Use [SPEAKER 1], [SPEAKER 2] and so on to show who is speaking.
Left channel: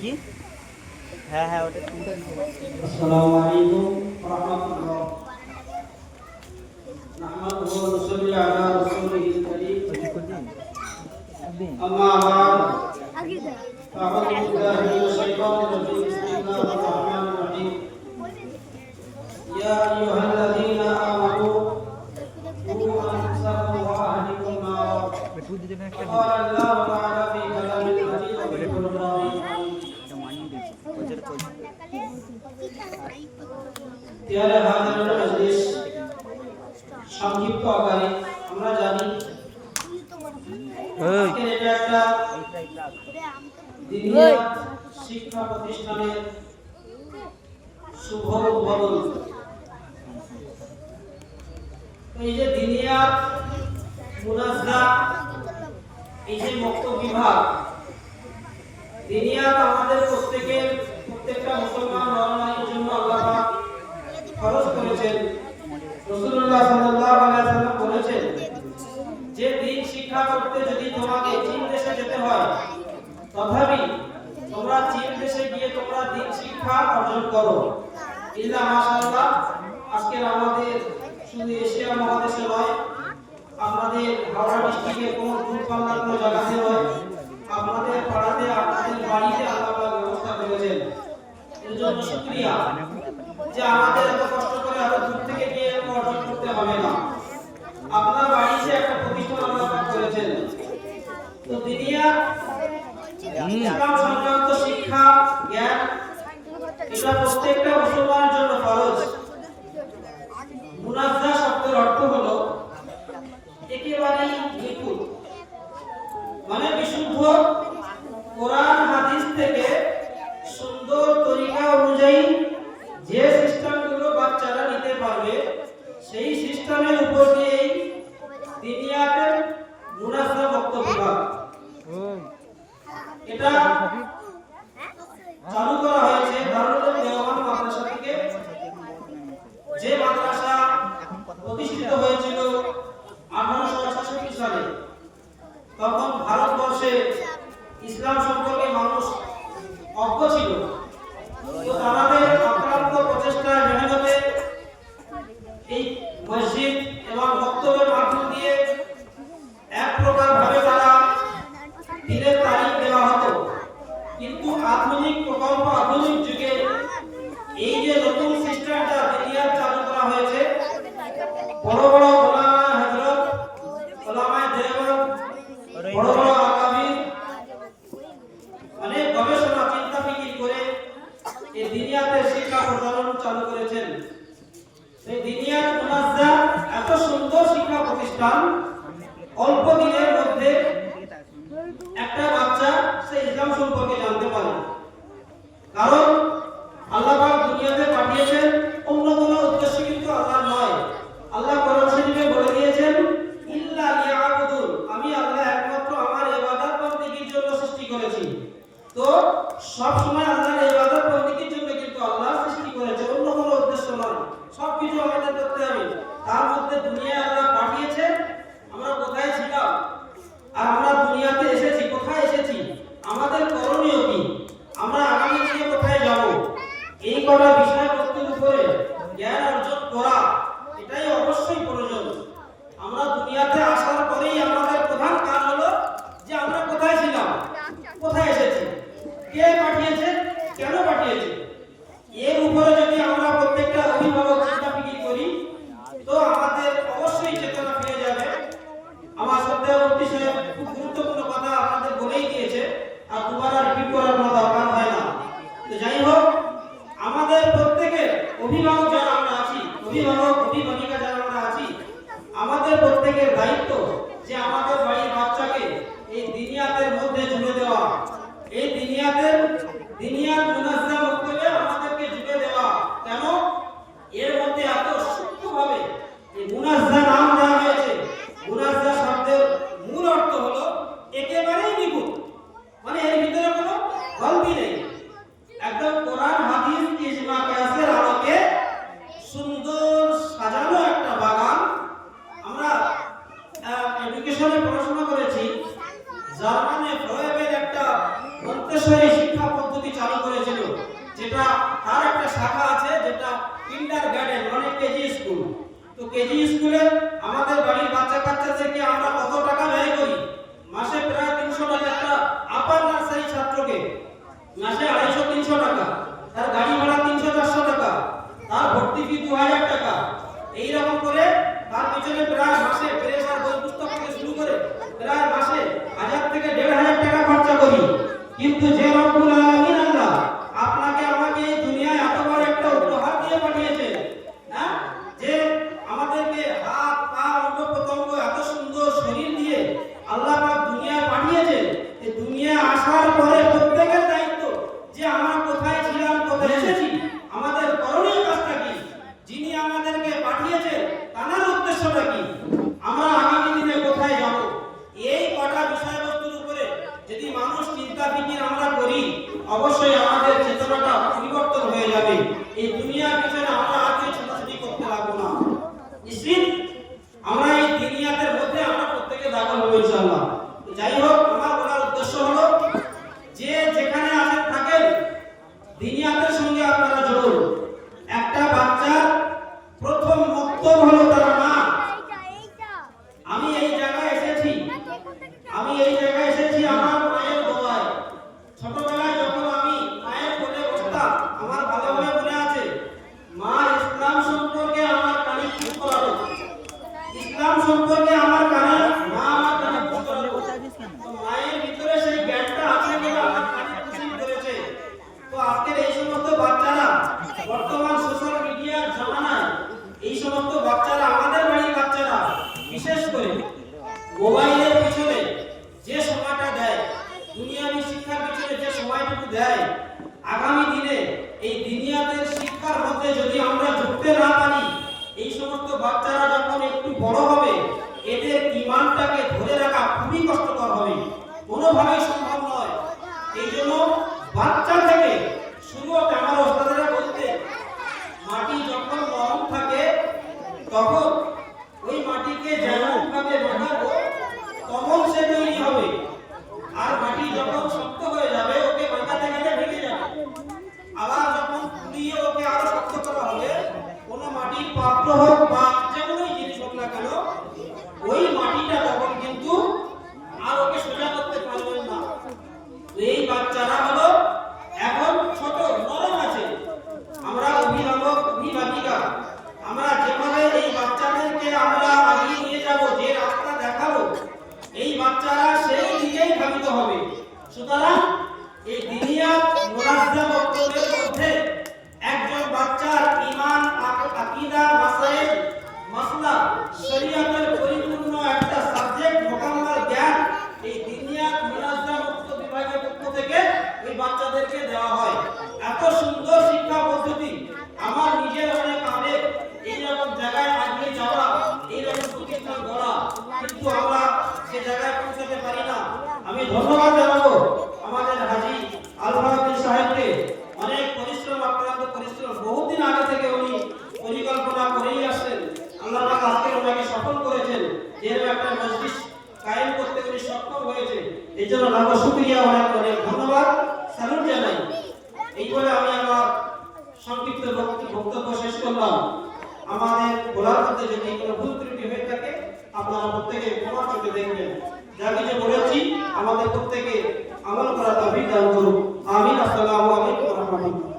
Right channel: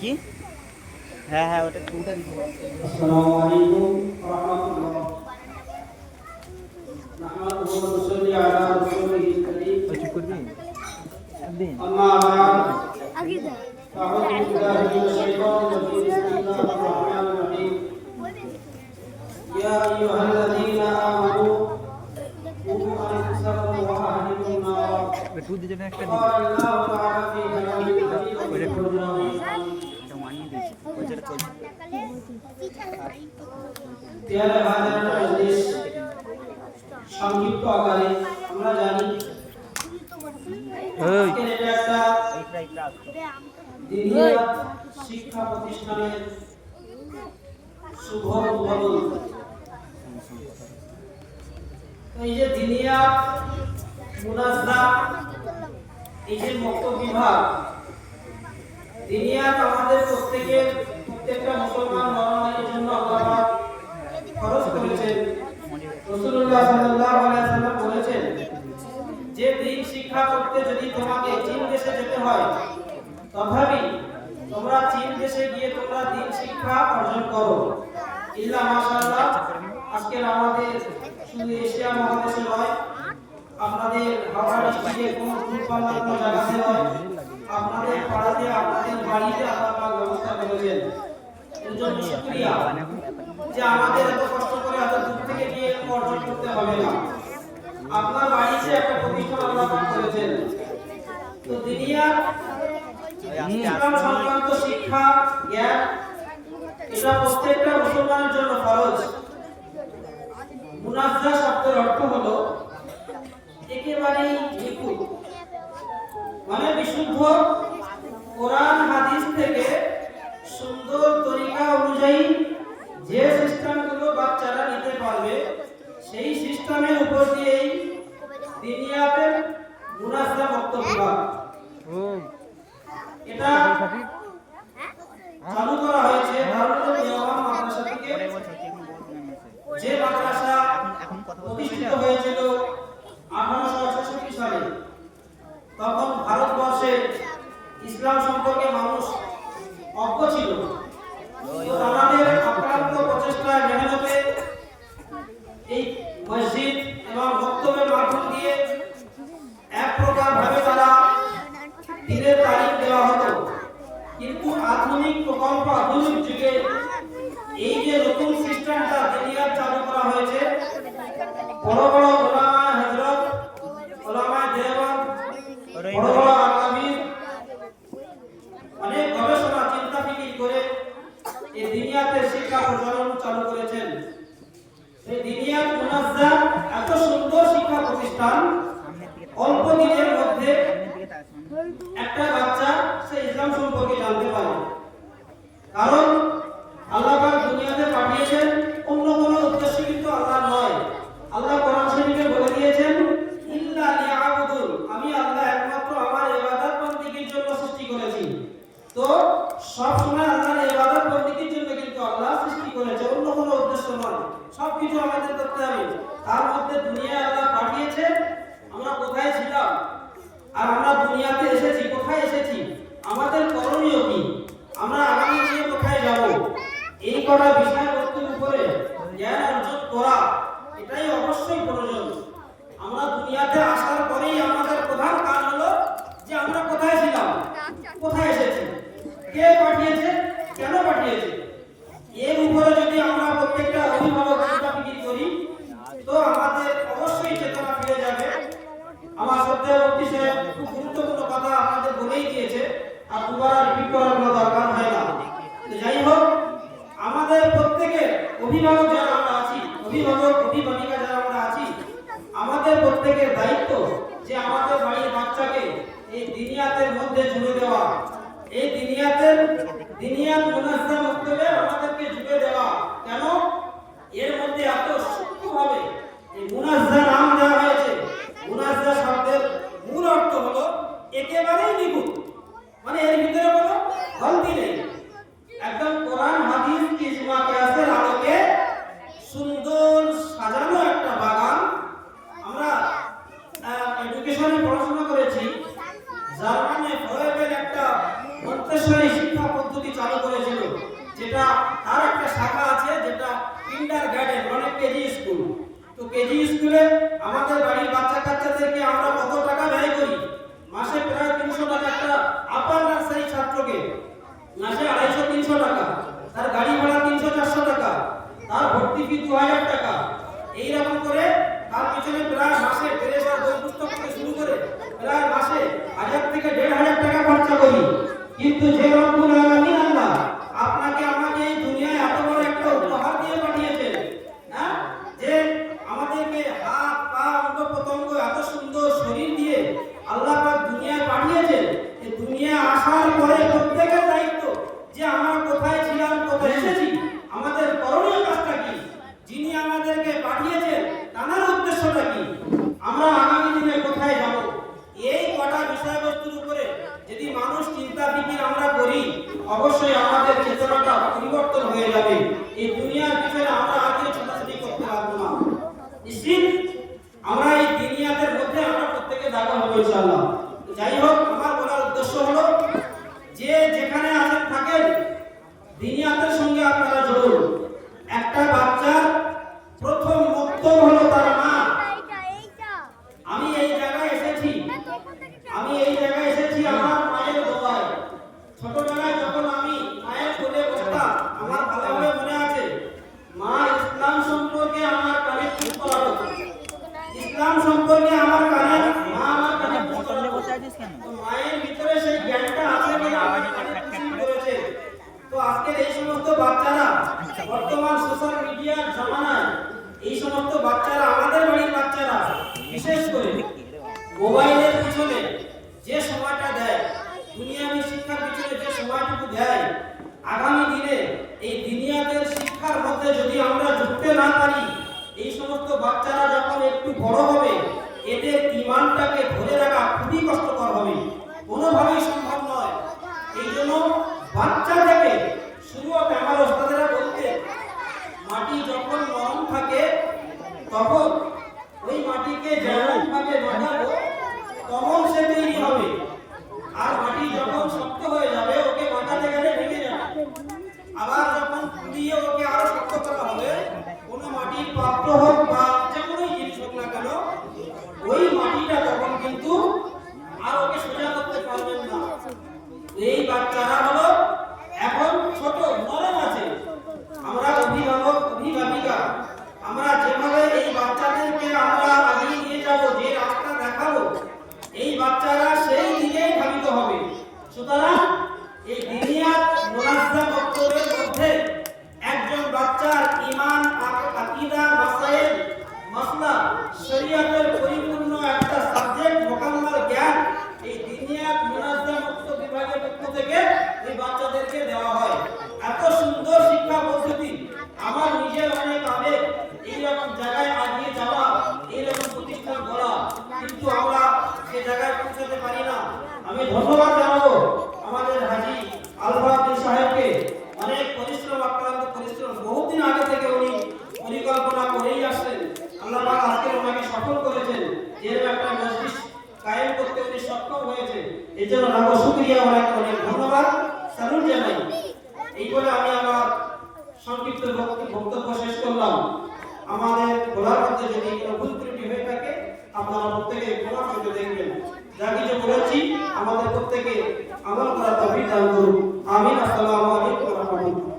[SPEAKER 1] কি? হ্যাঁ হ্যাঁ ওটা কোনটা?
[SPEAKER 2] আসসালামু আলাইকুম রাহমাতুল্লাহ।
[SPEAKER 1] নাহমাদুহু
[SPEAKER 2] ওয়া আচ্ছা, নুসাল্লি
[SPEAKER 1] আলা রাসূলিহিল কারীম
[SPEAKER 2] আম্মা শিক্ষা প্রতিষ্ঠানের শুভ উদ্বোধন। এই যে দিনিয়া মুনাজদা এই যে মুক্ত বিভাগ দিনিয়াত আমাদের প্রত্যেকের প্রত্যেকটা মুসলমান নরনারীর জন্য আল্লাহ খরচ করেছেন। রাসূলুল্লাহ সাল্লাল্লাহু আলাইহি ওয়াসাল্লাম বলেছেন, যে দিন শিক্ষা করতে যদি তোমাকে চীন দেশে যেতে হয়, তথাপি তোমরা চীন দেশে গিয়ে তোমরা দিন শিক্ষা অর্জন করো। ইল্লা মাশাআল্লাহ, আজকের আমাদের শুধু এশিয়া মহাদেশে নয়, আমাদের হাওড়া ডিস্ট্রিক্টে কোনো গ্রুপ বাংলা কোনো জায়গাতে নয়, আমাদের পাড়াতে, আমাদের বাড়িতে আল্লাহ ব্যবস্থা করেছেন। এর জন্য শুক্রিয়া যে আমাদের তো দিনিয়ার ইসলাম সংক্রান্ত শিক্ষা জ্ঞান এটা প্রত্যেকটা মুসলমানের জন্য ফরজ। মুনাজ্জা শব্দের অর্থ হলো একেবারেই নিখুঁত। মানে বিশুদ্ধ শিক্ষা প্রতিষ্ঠান অল্প দিনে কোথায় এসেছি কে তো কেজি স্কুলে আমাদের বাড়ির বাচ্চা কাচ্চাদেরকে আমরা কত এই সমস্ত বাচ্চারা আমাদের বাড়ির বাচ্চারা, বিশেষ করে মোবাইলের পিছনে যে সময়টা দেয় দুনিয়ামি শিক্ষার পিছনে যে সময়টুকু দেয়, আগামী দিনে এই দুনিয়াতে শিক্ষার মধ্যে যদি আমরা যুক্ত না ওই মাটিকে যেমন ভাবে মাখাবো তখন সে তৈরি হবে। আর মাটি যখন শক্ত হয়ে যাবে, ওকে মাখাতে গেলে ভেঙে যাবে। আবার যখন দিয়ে ওকে আরও শক্ত করা হবে, কোনো মাটির পাত্র হোক বা যে কোনোই জিনিস হোক না কেন, ওই সুতরাং এই দিনিয়াত মুনাজ্জা বক্তব্যের মধ্যে একজন বাচ্চার ইমান আকীদা মাসাইল মাসলা, শরীয়তের পরিপূর্ণ একটা সাবজেক্ট মোকাম্মাল জ্ঞান, এই দিনিয়াত মুনাজ্জা মুক্ত বিভাগের পক্ষ থেকে এই বাচ্চাদেরকে দেওয়া হয়। এত সুন্দর শিক্ষা সংক্ষিপ্ত বক্তব্য শেষ করলাম। আমাদের ঘোরার মধ্যে যদি কোনো ভুল ত্রুটি হয়ে থাকে, আপনারা প্রত্যেকে ক্ষমা চোখে দেখবেন। যা কিছু বলেছি আমাদের প্রত্যেকে আমল করা দাবি দান করুন। আমিন। আসসালামু আলাইকুম রহমতুল্লাহ।